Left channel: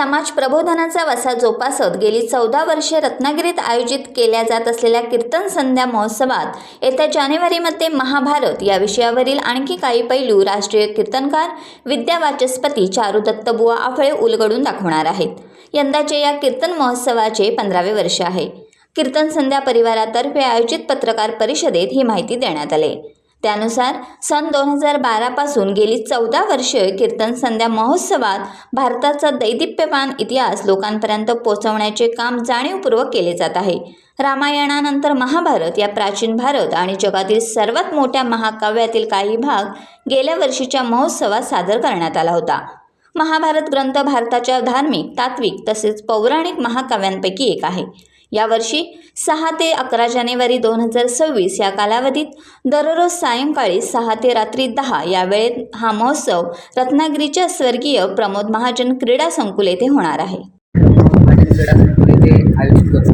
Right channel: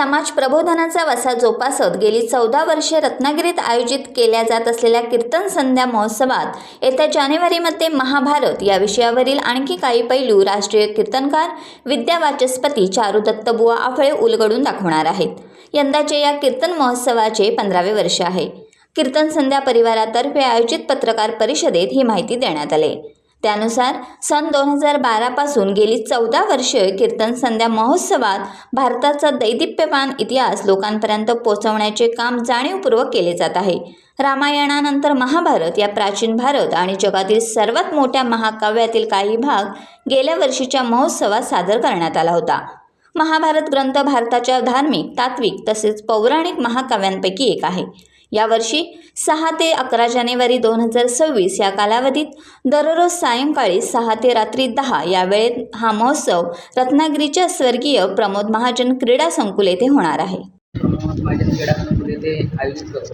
समाज प्रबोधनाचा वसा जोपासत गेली 14 वर्षे रत्नागिरीत आयोजित केल्या जात असलेल्या कीर्तन संध्या महोत्सवात येत्या जानेवारीमध्ये महाभारत या विषयावरील आणखी काही पैलू राष्ट्रीय कीर्तनकार विद्यावाचस्पती चारू दत्तबुवा आफळे उलगडून दाखवणार आहेत. यंदाचे या कीर्तन महोत्सवाचे 15वे वर्ष आहे. कीर्तन संध्या परिवारातर्फे आयोजित पत्रकार परिषदेत ही माहिती देण्यात आली. त्यानुसार सन 2012 पासून गेली 14 वर्षे कीर्तन संध्या महोत्सवात भारताचा दैदिप्यमान इतिहास लोकांपर्यंत पोहोचवण्याचे काम जाणीवपूर्वक केले जात आहे. रामायणानंतर महाभारत या प्राचीन भारत आणि जगातील सर्वात मोठ्या महाकाव्यातील काही भाग गेल्या वर्षीच्या महोत्सवात सादर करण्यात आला होता. महाभारत ग्रंथ भारताच्या धार्मिक, तात्विक तसेच पौराणिक महाकाव्यांपैकी एक आहे. यावर्षी 6 ते 11 जानेवारी 2026 या कालावधीत दररोज सायंकाळी 6 ते रात्री 10 या वेळेत हा महोत्सव रत्नागिरीच्या स्वर्गीय प्रमोद महाजन क्रीडा संकुल येथे होणार आहे. महाजन क्रीडा संकुल येथे आयोजित करतो.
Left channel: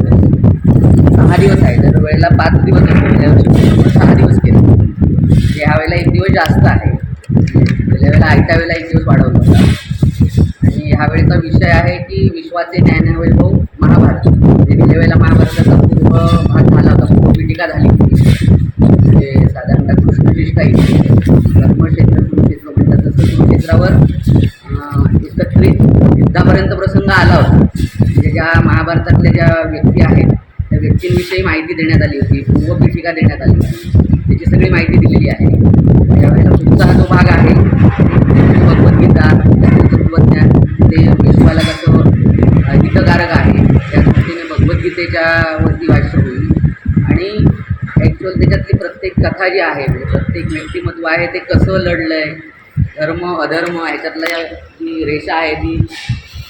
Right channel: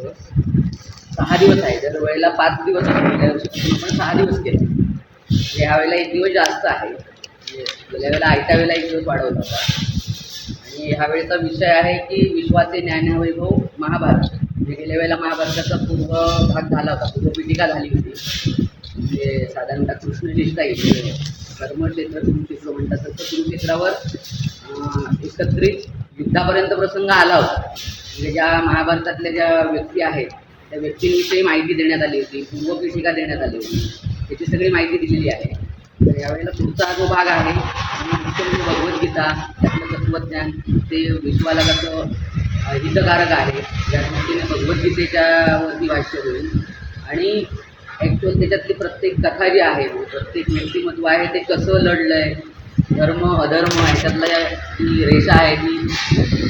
6 दिवस आहे. दरवेळेला 5 दिवस असतो. गेल्या वर्षी आपण 6 दिवस केले. ह्यावेळेला 1 दिवस जास्त आहे. गेल्या वेळेला आयत्या वेळेला 1 दिवस वाढवला होता. आणि ह्यावेळेचा विषय आहे की विश्वाचे न्यायवैभव महाभारत. गेल्या वेळेला महाभारताचा पूर्व भाग झाला होता, पूर्वपीठिका झाली होती. म्हणजे साधारणतः कृष्णज्येष्ठा येते धर्मक्षेत्र कुरुक्षेत्र म्हणतात, तसं कुरुक्षेत्रावर एकत्रित युद्धापर्यंत प्रसंग आला होता. म्हणजे ज्या महाभारतातल्या ज्या व्यक्ती आहेत त्या व्यक्तींविषयी माहिती देण्यात आली होती, पूर्वपीठिका देण्यात आली होती. त्याची सगळी माहिती दिलेली आहे. यावेळेला पुढचा हा जो भाग आहे भगवद्गीता, त्याचं तत्त्वज्ञान, ते विश्वाला कसं हितकारक आहे या दृष्टीने भगवद्गीतेच्या वरती भाष्य होईल. आणि ॲक्च्युअल त्याच्यातली प्रत्येक कथा जी आहे, म्हणजे प्रत्येक व्यक्तिमत्व आहे ते कसं लढलं आहे, धर्म अधर्म ह्याच्यातला जी रेषा आहे, ती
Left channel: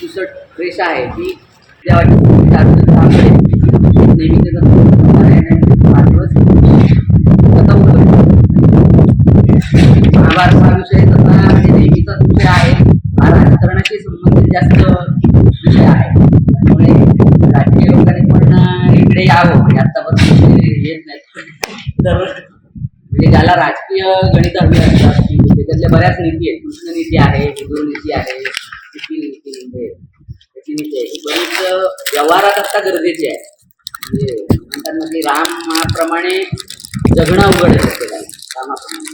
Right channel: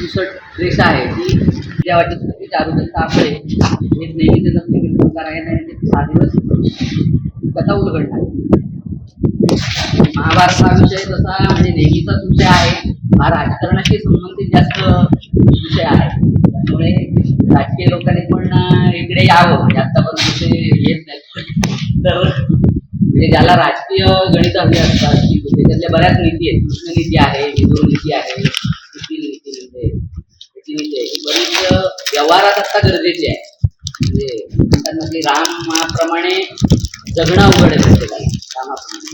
पुसट रेषा आहे, ती त्या वाटत चारू आपले एक नेहमी त्याचा 5 दिवस कथा उलगडली. महाभारत हा विषय तसा म्हणजे नेहमीचाच विषय आहे. हा राजकारणाशी संबंधित जास्त विषय आहे. त्यामुळे राजकीय लोकांनी पण इकडे यावं. म्हणजे आत्तापर्यंत ते येत नाहीत. तर म्हणजे ज्याला राजकीय गणित हवी असतात की त्याच्यातल्या बऱ्याच नीती आहेत. कृष्णनीती आहे, विदुर नीती आहे, नीती आहे. बरीच व्यवहारात असता गरजेची आहे. म्हणजे म्हणतात की रामाप्रमाणे जगणं अवघड आहे प्रत्येकाला. रामाप्रमाणे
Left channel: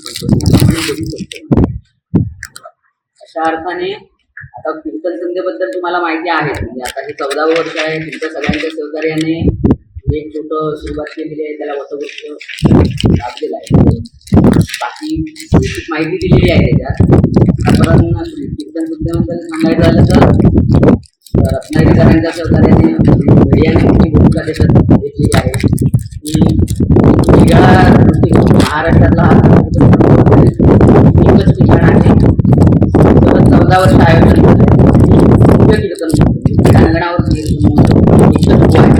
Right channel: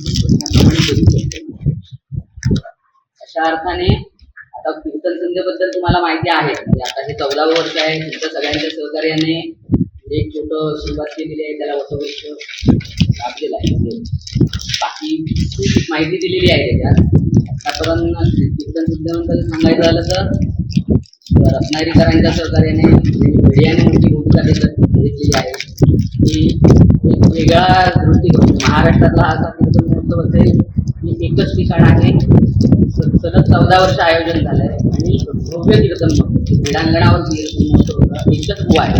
जगू शकतो. अशा अर्थाने आता कीर्तन संध्येबद्दल तुम्हाला माहिती आहे. म्हणजे आता हे 14वं वर्ष आहे. तुमच्या सगळ्यांच्या सहकार्याने एक छोटं सुरुवात केलेली आहे. त्याला वटवृक्ष लाभलेला आहे. बाकी माहिती दिलेली आहे त्याच्यात. आतापर्यंत कीर्तन संध्येबद्दल सांगायचं झालं तर रत्नागिरीकरांच्या सहकार्याने मीडियाने मोठी भूमिका त्याच्यात घेतलेली आहे. की वेगळा दृष्टिकोन महाराष्ट्रातला एकच ठिकाण आहे. सलग 14 वर्ष आयोजन झालं आहे. भव्य कीर्तन क्रीडांगणावर एकच बुवा आहे.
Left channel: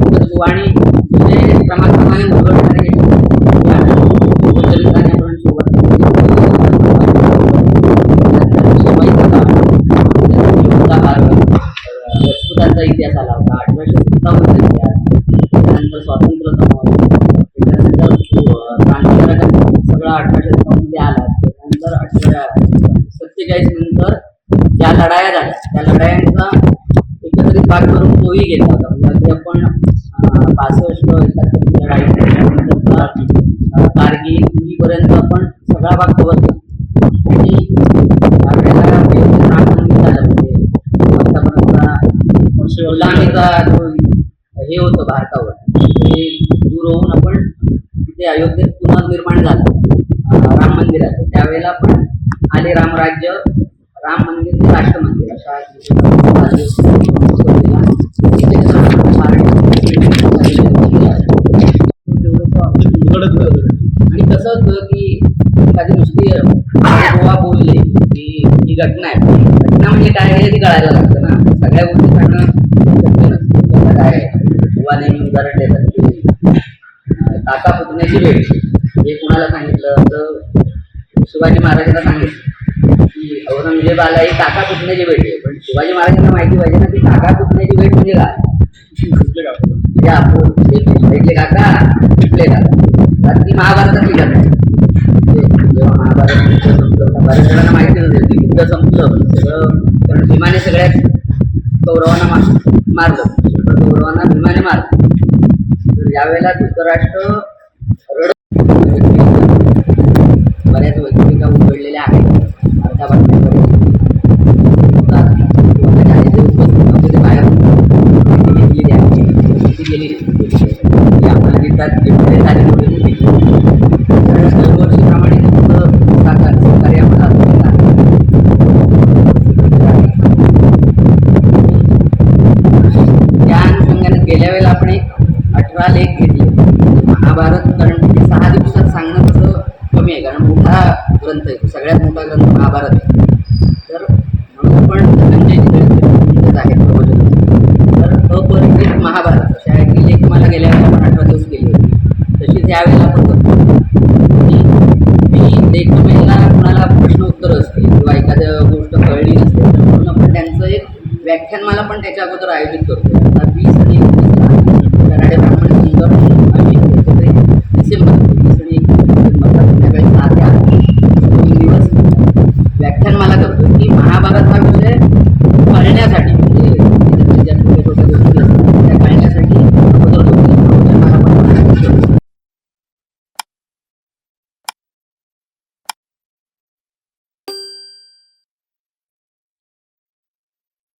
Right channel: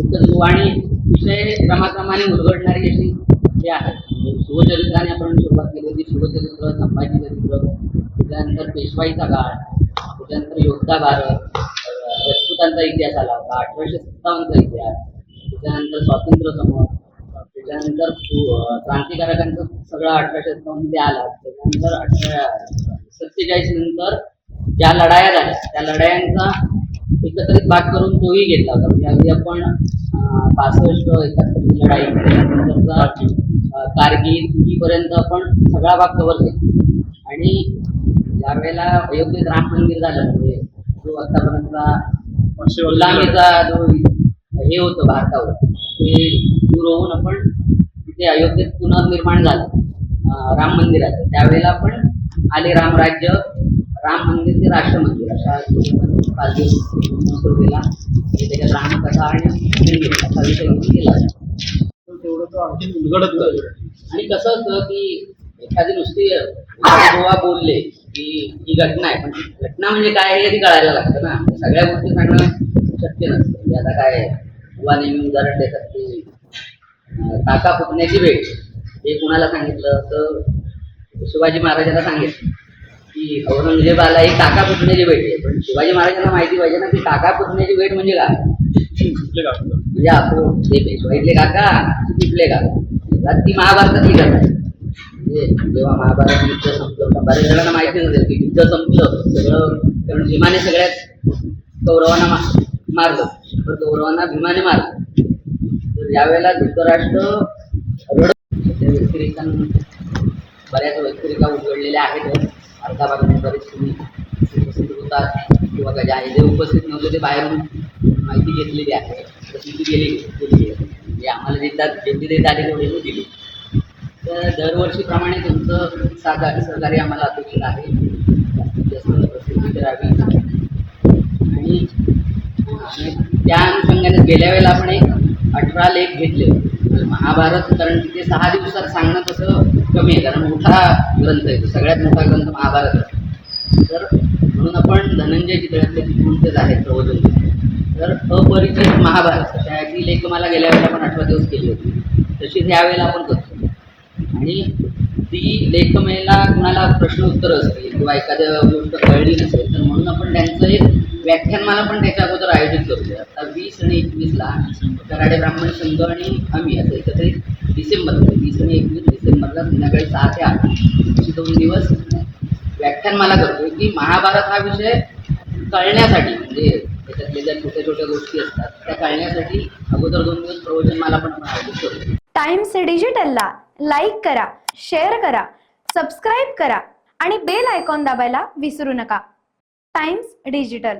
एकच बुवा आणि विषय क्रमाक्रमाने उलगडणारे हे आहे. शिवचरित्राने आपण सुरुवात केली. त्यानंतर शिवाईचा काळ, योद्धा भारत, राजपुतांचा इतिहास आला होता, 1857चा इतिहास, त्यानंतर स्वातंत्र्य समर, त्याच्यानंतर क्रांतिकारकांचा सगळा 1857 आला. त्यानंतर 47 नंतर ज्या लढाया झाल्या त्या लढायांचा एकत्रित भाग करून तोही घेतला होता. म्हणजे अगदी आपण 65-71 लढाई, त्यानंतरचा कारगिल हीपर्यंत आपण सगळा भाग कव्हर केला. आणि त्यावेळेला अयोध्येत राम मंदिर झालं. म्हणजे आतापर्यंत गुलामीचा जो हे होतं भारतावर, ते दूर होऊन आपण तिथे अयोध्येत पुनर्निर्माण झालं राम मंदिराचं. त्यावेळेला पण आले रामराज्य, राम मंदिर ते राष्ट्र मंदिर अशा आणि कसं असतं की एखादी नुसती गोवा बोलले की ही घटना आहे. घटना म्हणजे काय हे ती कळायला लागतं ना. सगळ्या गोष्टी सांगणं शक्य नसतं. आता काय गोवा नेहमी उदाहरण देतात की काका पुतण्याची वेळ. हे कुणाला सांगितलं तर शिवाजी महाराजांना सांगितलं की औरंगजेब आला ही काका पुतण्याची भेट आहे. पण शिवाजी महाराजांना माहिती पाहिजे ना की काका पुतण्याची भेट म्हणजे काय. म्हणजे आपण पेशवाईतले काका, कुठले काका, ती महाभारतातली कथा आहे. जेव्हा महाभारत युद्ध संपलं होतं, बऱ्याच जणांना माहिती नसेल की युद्ध संपलं सगळं, कारण भीमाने सगळ्यात कौरवांना मारलं, पण कौरवांना भीमाने मारलं. तर यावेळेला धृतराष्ट्र बऱ्याच व्यक्तिरेखा उघडलेल्या आहेत. अर्धा बातम्या परिस्थिती होतात किंवा त्याच्या आई जे उपस्थित नव्हते ते बाहेरून माहिती घेतलेली आहे, ती गेलेली आहे. आम्हाला देतात जे आले तेवढे मी दिली. तर दरवर्षीप्रमाणे तुमचं सहकार्य आम्हाला असलेलं आहे. त्या अनुषंगाने गेल्या वेळेला आपण एक 18 लेख घेतले होते महाभारत, कारण तिथे 6 दिवसात सांगणं तसं कमी आहे, कारण मोठा ग्रंथ आहे, तो सगळ्यात मोठा ग्रंथ महाभारत आहे. तर म्हणून आपण धनंजय चितळेचे आहेत प्रवचन. तर अपरिचित महाभारत अशा ती लेख मला गेल्या वेळेला आपण 18 दिवस केली होती, तशीच यावेळेला आपण करतो. आणि ती लेखमेला कुणाला प्रश्न उत्तरं असतील किंवा एखाद्या गोष्ट कळली नसेल तर म्हणून आपण त्यांचं एक व्याख्यानमाला पण त्याच्या अगोदर आयोजित करतो. आता 20 आणि 21ला कराडे ब्राह्मण संघ आणि आम्ही असेल ते डिसेंबर 20 आणि 21 डिसेंबरला संध्याकाळी 6 ते 8 2 दिवस व्याख्यानमाला करतो की महाभारत हा विषय कळण्यासाठी, म्हणजे त्याच्यातल्या ज्या छोट्या छोट्या गोष्टी असतात त्या कळण्यासाठी अगोदर 2 दिवस प्रवचनमाला पण आयोजित करतो. टाइम्स डिजिटलला लाईक करा, शेअर करा, सबस्क्राईब करा आणि बेल आयकॉन दाबायला विसरू नका. Times digital.